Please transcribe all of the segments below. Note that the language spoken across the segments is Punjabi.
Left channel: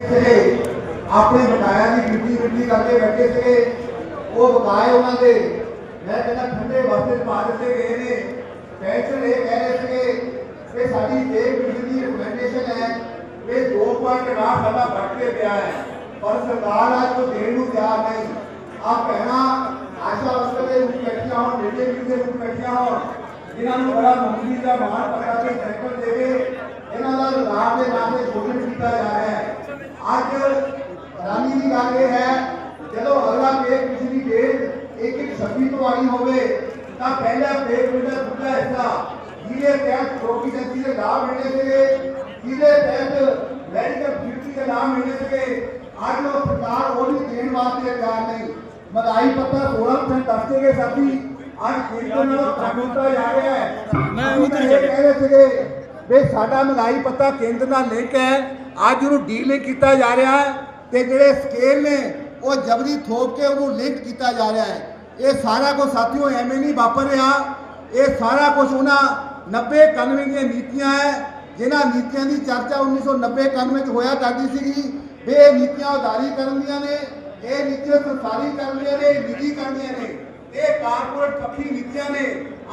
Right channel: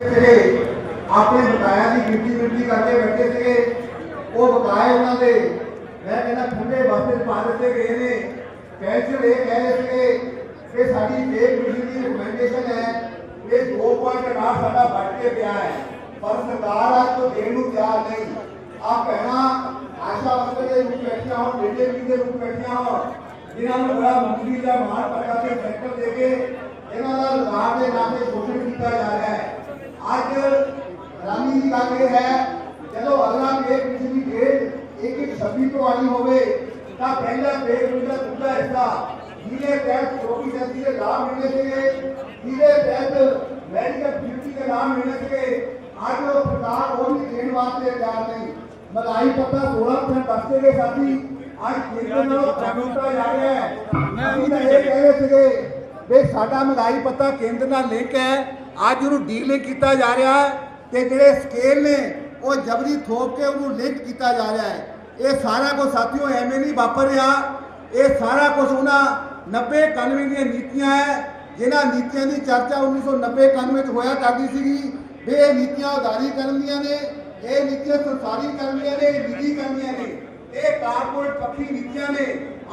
ਸੀਗੇ ਆਪਣੇ ਬਕਾਇਆ ਦੀ ਗਿਣਤੀ ਗਿਣਤੀ ਕਰਕੇ ਬੈਠੇ ਸੀਗੇ, ਉਹ ਬਕਾਏ ਉਹਨਾਂ ਦੇ, ਮੈਂ ਕਹਿੰਦਾ ਠੰਡੇ ਵਾਸਤੇ ਪਾ ਦਿੱਤੇ ਗਏ ਨੇ। ਕੈਂਸਲ ਇਹ ਕਹਿ ਰਹੇ ਸੀਗੇ ਕਿ ਸਾਡੀ ਪੇ ਕਮਿਸ਼ਨ ਦੀ ਰਿਕਮੈਂਡੇਸ਼ਨ ਹੈ ਕਿ 2.8 ਸਾਡਾ ਵੱਧ ਕੇ ਪਿਆ ਹੈ। ਪਰ ਸਰਕਾਰ ਅੱਜ ਤੋਂ ਦੇਣ ਨੂੰ ਤਿਆਰ ਨਹੀਂ। ਆ ਕਹਿਣਾ ਆਸ਼ਾ ਵਸਤੇ ਦੇ ਰੂਪ ਬੈਠੀਆਂ ਹੋਣ ਮੀਡੀਆ ਵੀ ਦੇ ਰੂਪ ਬੈਠੀਆਂ ਹੋਣ, ਜਿਨ੍ਹਾਂ ਨੂੰ ਬੜਾ ਮੰਤਰੀ ਦਾ ਮਾਣ ਪਤਾ ਕੇ ਸਾਈਕਲ ਦੇ ਕੇ ਇਹਨਾਂ ਦਾ ਲਗਾਵ ਦੇ ਨਾਮ ਤੇ ਸ਼ੋਸ਼ਣ ਕੀਤਾ ਜਾ ਰਿਹਾ ਹੈ ਅੱਜ ਰਾਨੀ ਦੀ ਗੱਲ ਇਹ ਹੈ ਜਦੋਂ ਅਗਲਾ ਪੇ ਪਿਛਲੀ ਡੇਟ ਇੱਕ ਇੱਕ ਛੱਬੀ ਤੋਂ ਆਈ ਹੋਵੇ ਤਾਂ ਪਹਿਲਾ ਪੇ ਦਾ ਦੂਜਾ ਹਿੱਸਾ ਜਿਹਦੇ ਤਹਿਤ ਚੌਕੀ ਜੱਤੀ ਦੇ ਲਾਭ ਮਿਲਣੇ ਸੀਗੇ ਜਿਹਦੇ ਤਹਿਤ ਮੈਡੀਕਲ ਡਿਊਟੀ ਦੇ ਲਾਭ ਮਿਲਣੇ ਸੀਗੇ ਅੱਜ ਉਹ ਸਰਕਾਰ ਉਹ ਵੀ ਦੇਣ ਵਾਸਤੇ ਤਿਆਰ ਨਹੀਂ। ਮਹਿੰਗਾਈ ਪੱਤਾ 16% ਦੱਸਦੇ ਗਏ ਸਾਥੀ ਅੱਜ ਕੇਂਦਰ ਨਾਲ ਕੰਮ ਕੀਤਾ ਜਾ ਰਿਹਾ ਹੈ। ਅਸੀਂ ਤਾਂ ਇਹ ਕਹਿ ਰਹੇ ਸੀਗੇ ਵੀ ਸਾਡਾ ਮਹਿੰਗਾਈ ਪੱਤਾ ਕੇਂਦਰ ਨਾਲ ਲਿੰਕ ਹੈ ਅੱਜ ਉਹਨੂੰ ਡੀਲਿੰਕ ਕੀਤਾ ਜਾ ਰਿਹਾ। ਹੈ ਤੇ ਜਿਹੜੇ ਸਕੇਲ ਨੇ, ਉਹ ਜਬਰੀ ਥੋਪ ਕੇ ਉਹਨੂੰ ਲਿੰਕ ਕੀਤਾ ਜਾ ਰਿਹਾ ਹੈ। ਇਹ ਸਾਰਾ ਕੁਝ ਸਾਥੀਓ ਐਵੇਂ ਨਹੀਂ ਵਾਪਰ ਰਿਹਾ। ਇਹ ਸਾਰਾ ਕੁਝ ਉਹਨਾਂ 90 91 ਦੀਆਂ ਨੀਤੀਆਂ ਹੈ, ਜਿਨ੍ਹਾਂ ਨੀਤੀਆਂ ਦੀ ਚਰਚਾ 1990 91 ਚ ਹੋਇਆ ਕਰਦੀ ਸੀਗੀ। ਵੀ ਇਹ ਨੀਤੀਆਂ ਉਦਾਰੀ ਕਰਨੀਆਂ ਨੇ, ਇਹ ਨੀਤੀਆਂ ਸਰਕਾਰੀ ਕਰਨੀਆਂ ਨੇ ਨਿੱਜੀ ਕਰਨੀਆਂ ਨੇ। ਇਹ ਕਾਰਪੋਰੇਟ ਪੱਖੀ ਨੀਤੀਆਂ ਨੇ।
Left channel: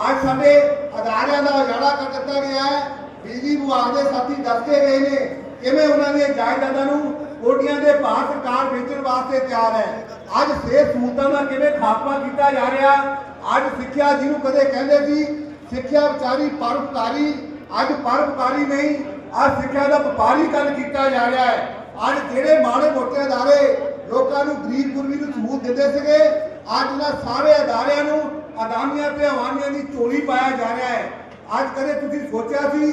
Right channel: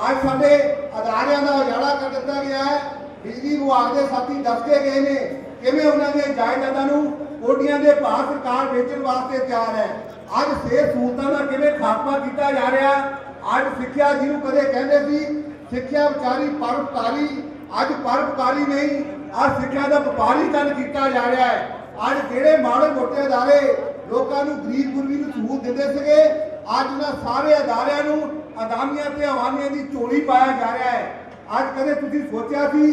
ਅੱਜ ਸਾਡੇ ਅਦਾਰਿਆਂ ਦਾ ਉਜਾੜਾ ਕਰ ਦਿੱਤਾ ਗਿਆ ਹੈ। ਬਿਜਲੀ ਵਿਭਾਗ ਦੇ ਸਾਥੀ ਦੱਸ ਕੇ ਗਏ ਨੇ, ਕਿਵੇਂ ਉਹਨਾਂ ਦੀਆਂ ਜਾਇਦਾਦਾਂ ਨੂੰ ਕੋਟੀਆਂ ਦੇ ਭਾਅ ਸਰਕਾਰ ਵੇਚਣ ਵਾਸਤੇ ਤਿਆਰ ਹੈ। ਅੱਜ ਸਿਹਤ ਸਹੂਲਤਾਂ ਦਾ ਕਿਵੇਂ ਖਾਤਮਾ ਕੀਤਾ ਜਾ ਰਿਹਾ? ਅੱਜ ਸਿੱਖਿਆ ਜਿਹਨੂੰ ਕਦੇ ਕਹਿੰਦੇ ਸੀ, ਸਿੱਖਿਆ ਵਿਚਾਰੀ ਪਰਉਪਕਾਰੀ, ਅੱਜ ਪਰਉਪਕਾਰੀ ਨਹੀਂ, ਅੱਜ ਸਿੱਖਿਆ ਦਾ ਵਪਾਰੀਕਰਨ ਕੀਤਾ ਜਾ ਰਿਹਾ ਹੈ। ਅੱਜ ਜਿਹੜੇ ਮਾੜੇ ਮੋਟੇ ਅਦਾਰੇ ਲੋਕਾਂ ਨੂੰ ਗਰੀਬ ਗੁਰਬੀ ਨੂੰ ਸਹੂਲਤ ਦਿੰਦੇ ਸੀਗੇ, ਅੱਜ ਇਹਨਾਂ ਸਾਰੇ ਅਦਾਰਿਆਂ ਨੂੰ ਅਦਾਨੀਆਂ ਤੇ ਅਵਾਨੀਆਂ ਦੀ ਝੋਲੀ ਪਾਇਆ ਜਾ ਰਿਹਾ ਹੈ। ਅੱਜ ਕਦੇ ਤੁਸੀਂ ਸੋਚਿਆ ਸੀ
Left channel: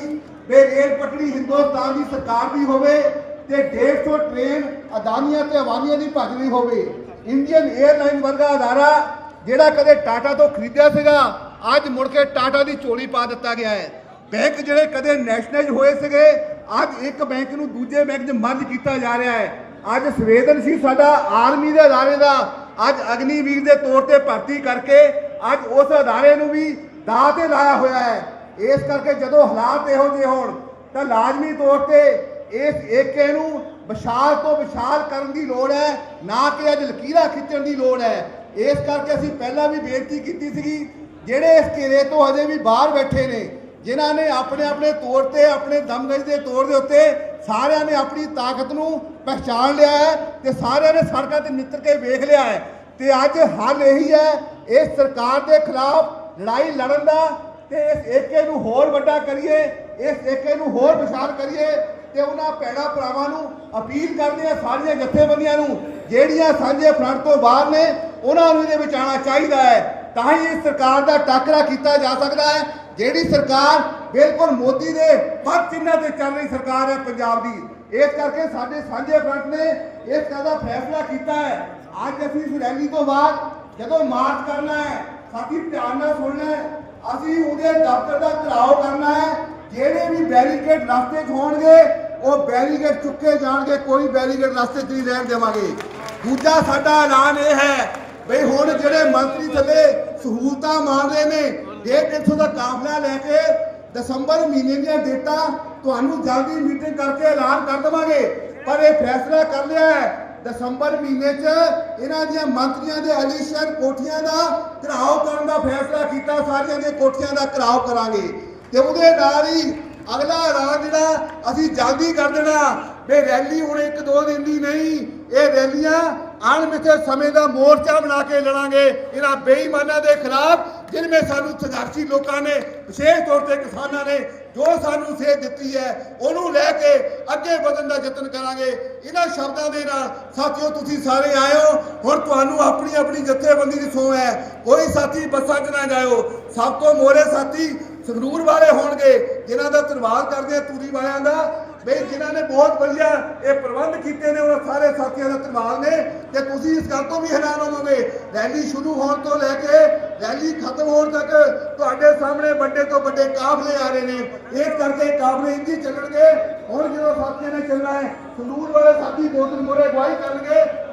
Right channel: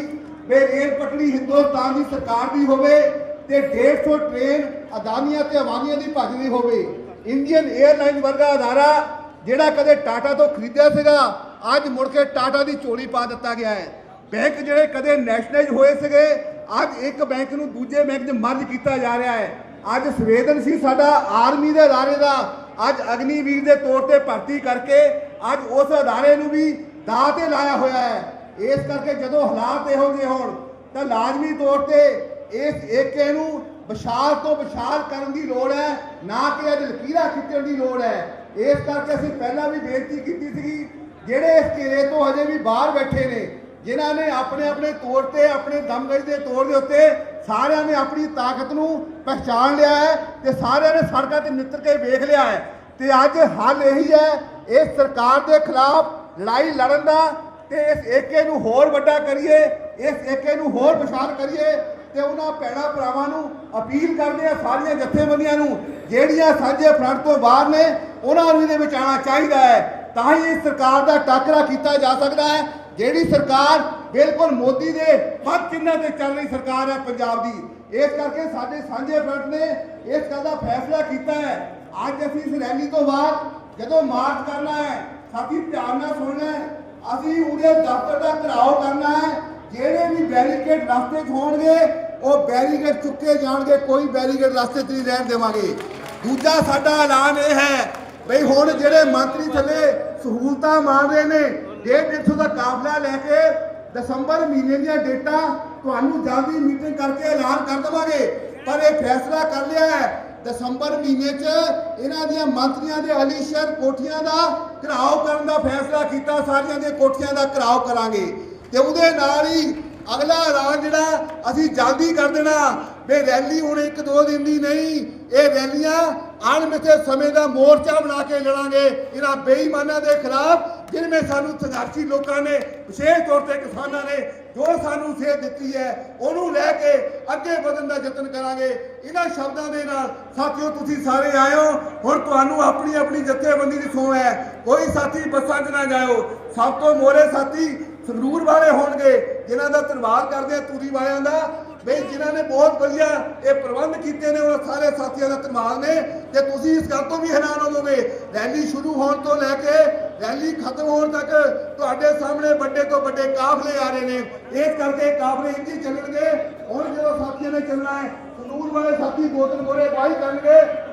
ਵੀ ਰੇਲ ਪਟੜੀ ਹਿੰਦੁਸਤਾਨ ਦੀ ਸਰਕਾਰ ਦੀ ਹੋਵੇ ਤੇ 150 ਟ੍ਰੇਨ ਅਦਾਨੀਆਂ ਤੇ ਅਵਾਨੀਆਂ ਦੀ ਭੱਜਦੀ ਹੋਵੇ। ਇੰਡੀਅਨ 에ਅਰਲਾਈਨ ਵਰਗਾ ਅਦਾਰਾ, ਜਿਹੜਾ ਕਦੇ ਟਾਟਾ ਤੋਂ ਖਰੀਦਿਆ ਸੀਗਾ, ਅੱਜ ਮੁੜ ਕੇ ਟਾਟਾ ਦੀ ਝੋਲੀ ਪਾ ਦਿੱਤਾ ਗਿਆ ਹੈ। ਬੈਂਕ ਜਿਹੜੇ ਕਦੇ ਨੈਸ਼ਨਲਾਈਜ਼ ਹੋਏ ਸੀਗੇ, ਅੱਜ ਇੱਕ ਬੈਂਕ ਨੂੰ ਦੂਜੇ ਬੈਂਕ 'ਚ ਮਰਜ ਕੀਤਾ ਜਾ ਰਿਹਾ ਹੈ। ਅੱਜ ਸੰਵੇਦਨਸ਼ੀਲ ਸਾਡਾ ਆਰਮੀ ਦੇ ਅਦਾਰੇ ਦਾ, ਅੱਜ ਅਗਨੀਵੀਰ ਦੇ ਤੌਰ ਤੇ ਭਰਤੀ ਕਰਕੇ ਅੱਜ ਉਸ ਅਦਾਰੇ ਨੂੰ ਵੀ ਦਾਅ ਤੇ ਲਾਇਆ ਹੋਇਆ ਹੈ। ਇਸ ਕਰਕੇ ਜਦੋਂ ਹਾਲਾਤ ਇਹੋ ਜਿਹੇ ਹੋਣ, ਤਾਂ ਲਾਜ਼ਮੀ ਤੌਰ ਤੇ ਇਸ ਏਕੇ ਨੂੰ ਵਿਸ਼ਾਲ ਤੋਂ ਵਿਸ਼ਾਲ ਕਰਨ ਦੀ ਲੋੜ ਹੈ, ਨਾ ਕਿ ਅੱਜ ਲਕੀਰਾਂ ਖਿੱਚਣ ਦੀ ਲੋੜ ਹੈ। ਇਸ ਕਰਕੇ ਅਸੀਂ ਪਹਿਲਾਂ ਵੀ ਬੇਨਤੀ ਕੀਤੀ ਸੀਗੀ, ਜਿਹੜੇ ਇਸ ਘੇਰੇ ਤੋਂ ਹਜੇ ਵੀ ਬਾਹਰ ਬੈਠੇ ਨੇ, ਜਿਨ੍ਹਾਂ ਨੇ ਆਪਣੇ ਆਪਣੇ ਤੌਰ ਤੇ, ਆਪਣੇ ਦਮਗਜ ਦੇ ਤੌਰ ਦੇ ਉੱਤੇ ਸਾਰਿਆਂ ਨੇ ਆਪਣੀ ਤਾਕਤ ਨੂੰ ਪਹਿਚਾਨ ਲਿਆ ਹੈ ਤੇ ਸਾਰਿਆਂ ਨੇ ਸੜਕਾਂ ਤੇ ਨਿੱਤਰ ਕੇ ਵੇਖ ਲਿਆ ਹੈ। ਤੇ ਅੱਜ ਹੱਲ ਇਹੀ ਹੈ, ਇਸ ਸਰਕਾਰ ਦੇ ਖਿਲਾਫ ਲੜਾਈ ਲੜਨ ਦਾ ਤੇ ਇਸ ਏਕੇ ਨੂੰ ਹੋਰ ਵੱਡਾ ਕਰੀਏ, ਇਸ ਏਕੇ ਨੂੰ ਹੋਰ ਵਿਸ਼ਾਲ ਕਰੀਏ ਤੇ ਉਹਨਾਂ ਭੈਣਾ ਭਰਾਵਾਂ ਨੂੰ ਅਪੀਲ ਕਰਦੇ ਆ ਸਾਰੀਆਂ ਜਥੇਬੰਦੀਆਂ ਨੂੰ, ਜਿਹੜੀਆਂ ਸਾਂਝੇ ਫਰੰਟ ਤੋਂ ਬਾਹਰ ਨੇ, ਉਹਨਾਂ ਨੂੰ ਇਹਦੇ ਵਿੱਚ ਆਉਣਾ ਚਾਹੀਦਾ ਹੈ। ਤਾਂ ਹੀ ਇਸ ਸਰਕਾਰ ਦਾ ਟਾਕਰਾ ਕੀਤਾ ਜਾ ਸਕਦਾ ਹੈ। ਜਿਹੜੀ ਸਰਕਾਰ ਬਿਲਕੁਲ ਮੋਦੀ ਦੇ ਪੱਖ ਚਿੰਨ੍ਹਾਂ ਤੇ ਚੱਲ ਰਹੀ ਸਰਕਾਰ ਹੈ ਪੰਜਾਬ ਦੀ, ਇਸ ਕਰਕੇ ਸਾਡੇ ਸਾਂਝੇ ਫਰੰਟ ਨੇ ਇਸ ਗੱਲ ਦਾ ਫੈਸਲਾ ਕੀਤਾ ਹੈ। ਅੱਜ ਅਸੀਂ ਇਸ ਰੈਲੀ ਤੋਂ ਬਾਅਦ ਜਦੋਂ ਮਾਰਚ ਕਰਨਾ ਹੈ, ਸਾਥੀ ਧਿਆਨ ਨਾਲ ਸੁਣਨਾ ਹੈ, ਅਸੀਂ ਉਹਦੇ ਦਫ਼ਤਰ ਦਾ ਘਿਰਾਓ ਕਰਨਾ ਹੈ। ਜਿਹੜੇ ਵੀ ਬੈਰੀਕੇਡ ਰਸਤੇ 'ਚ ਹੋਣਗੇ ਉਹ ਬੈਰੀਕੇਡ ਚੁੱਕੇ ਜਾਣਗੇ, ਕੋਈ ਬੈਰੀਕੇਡ ਰਸਤੇ 'ਚ ਨਹੀਂ ਰਹਿਣ ਦੇਵਾਂਗੇ। ਦੂਜਾ ਸਾਡਾ ਐਲਾਨ ਇਹ ਹੈ ਬਈ ਹੁਣ ਜਿਹੜੇ ਮੰਤਰੀ ਥੱਲੇ ਸਹੂਲਤਾਂ ਮੰਗ ਰਹੇ ਨੇ 150 ਦਾ ਕਾਫਲਾ ਲੈ ਕੇ ਦਸੰਬਰ ਮਹੀਨੇ ਦੀਆਂ ਡੇਟਾਂ ਤੁਹਾਨੂੰ ਜਲਦੀ ਮੀਟਿੰਗ ਕਰਕੇ ਐਲਾਨ ਕਰ ਦੇਵਾਂਗੇ। ਪਰ ਇਹ ਫੈਸਲਾ ਕਰ ਲਿਆ ਹੈ, ਦਸੰਬਰ ਮਹੀਨੇ 'ਚ ਇਹਨਾਂ ਦੀਆਂ ਮੰਤਰੀਆਂ ਦੇ ਅਲੀਸ਼ਰ ਕੋਠੀਆਂ ਦਾ ਘਰਾਓ ਕਰਨ ਦਾ ਫੈਸਲਾ ਕੀਤਾ, ਸਾਰੀਆਂ ਦੀਆਂ ਕੋਠੀਆਂ ਦਾ ਘਰਾਓ ਕਰਾਂਗੇ। ਤੇ ਉਹਦੇ ਨਾਲ ਹੀ ਅਗਲਾ ਰਾਹ ਜਿਹੜਾ ਅਸੀਂ ਜਲਦੀ ਕਰ ਦੇਣਾ। ਵੀ ਰੈਲੀ ਹੁਣ ਇੱਕ ਦੋ ਦਿਨ ਦੀ ਨਹੀਂ, ਇਹ ਰੈਲੀਆਂ ਅਣਮਿੱਥੇ ਸਮੇਂ ਦਾ ਮੋਰਚਾ ਬਣਾ ਕੇ ਲੜਾਂਗੇ। ਇਹਨਾਂ ਬੇਈਮਾਨਾਂ ਦੇ ਖਿਲਾਫ, ਜਿਨ੍ਹਾਂ ਸਾਨੂੰ ਸੰਘਰਸ਼ੀ ਲੋਕਾਂ ਨੇ, ਵਿਸ਼ੇਸ਼ ਤੌਰ ਤੇ ਕਿਸਾਨਾਂ ਨੇ ਜੋ ਸਾਨੂੰ ਸੇਧ ਦਿੱਤੀ ਹੈ, ਉਹਨੂੰ ਲੈ ਕੇ ਅੱਗੇ ਵਧਣ ਦਾ ਯਤਨ ਕਰਾਂਗੇ। ਇਹਨਾਂ ਸ਼ਬਦਾਂ ਦੇ ਨਾਲ, ਸਾਥੀਓ ਤੁਸੀਂ ਸਾਰੇ ਆਇਓ ਹੁਣ ਤੁਹਾਨੂੰ ਆਪਣੀ ਆਪਣੀ ਜਥੇਬੰਦੀ ਦੀ ਸੋਹ ਹੈ। ਕੋਈ ਸਾਥੀ ਬੱਸਾਂ 'ਚ ਨਾ ਜਾਇਓ। ਸਭ ਤੋਂ ਮੋਰੇ ਸਾਥੀ ਸੰਗਰੂਰ ਵਾਲੇ ਹੋਣਗੇ, ਜਿਨ੍ਹਾਂ ਦਾ ਧੰਨਵਾਦ ਕਰਦੇ ਆ ਤੂਰੀ ਵਾਲਿਆਂ ਦਾ। ਬਈ ਜਿਨ੍ਹਾਂ ਨੇ ਬਹੁਤ ਵਧੀਆ ਇਹ ਪ੍ਰਬੰਧ ਕੀਤੇ ਨੇ ਉਹਨਾਂ ਸਾਰੇ ਸਾਥੀਆਂ ਦਾ ਧੰਨਵਾਦ ਨੇ। ਤੇ ਤੁਸੀਂ ਇਸ ਗੱਲ ਤੋਂ ਵੀ ਹੈਰਾਨ ਹੋਵੋਗੇ, ਰੈਲੀ ਸ਼ੁਰੂ ਹੋਣ ਤੋਂ ਲੈ ਕੇ ਰੈਲੀ ਖਤਮ ਹੋਣ ਤੱਕ ਤੁਹਾਡੇ ਸਾਹਮਣੇ ਵੱਡੇ ਤੋਂ ਵੱਡੇ ਕਾਫਲੇ ਆ ਰਹੇ ਨੇ। ਇਸ ਕਰਕੇ ਕਾਫਲੇ ਇੰਜੀ ਚੱਲਣਗੇ। ਹੁਣ ਜਦੋਂ ਸਾਥੀਆਂ ਨੇ ਚੱਲਣਾ ਹੈ, ਸੰਗਰੂਰ ਵਾਲੇ ਸਾਥੀ ਦੋ ਤਿੰਨ ਮੋਰੇ ਅਗਵਾਈ ਕਰਨਗੇ।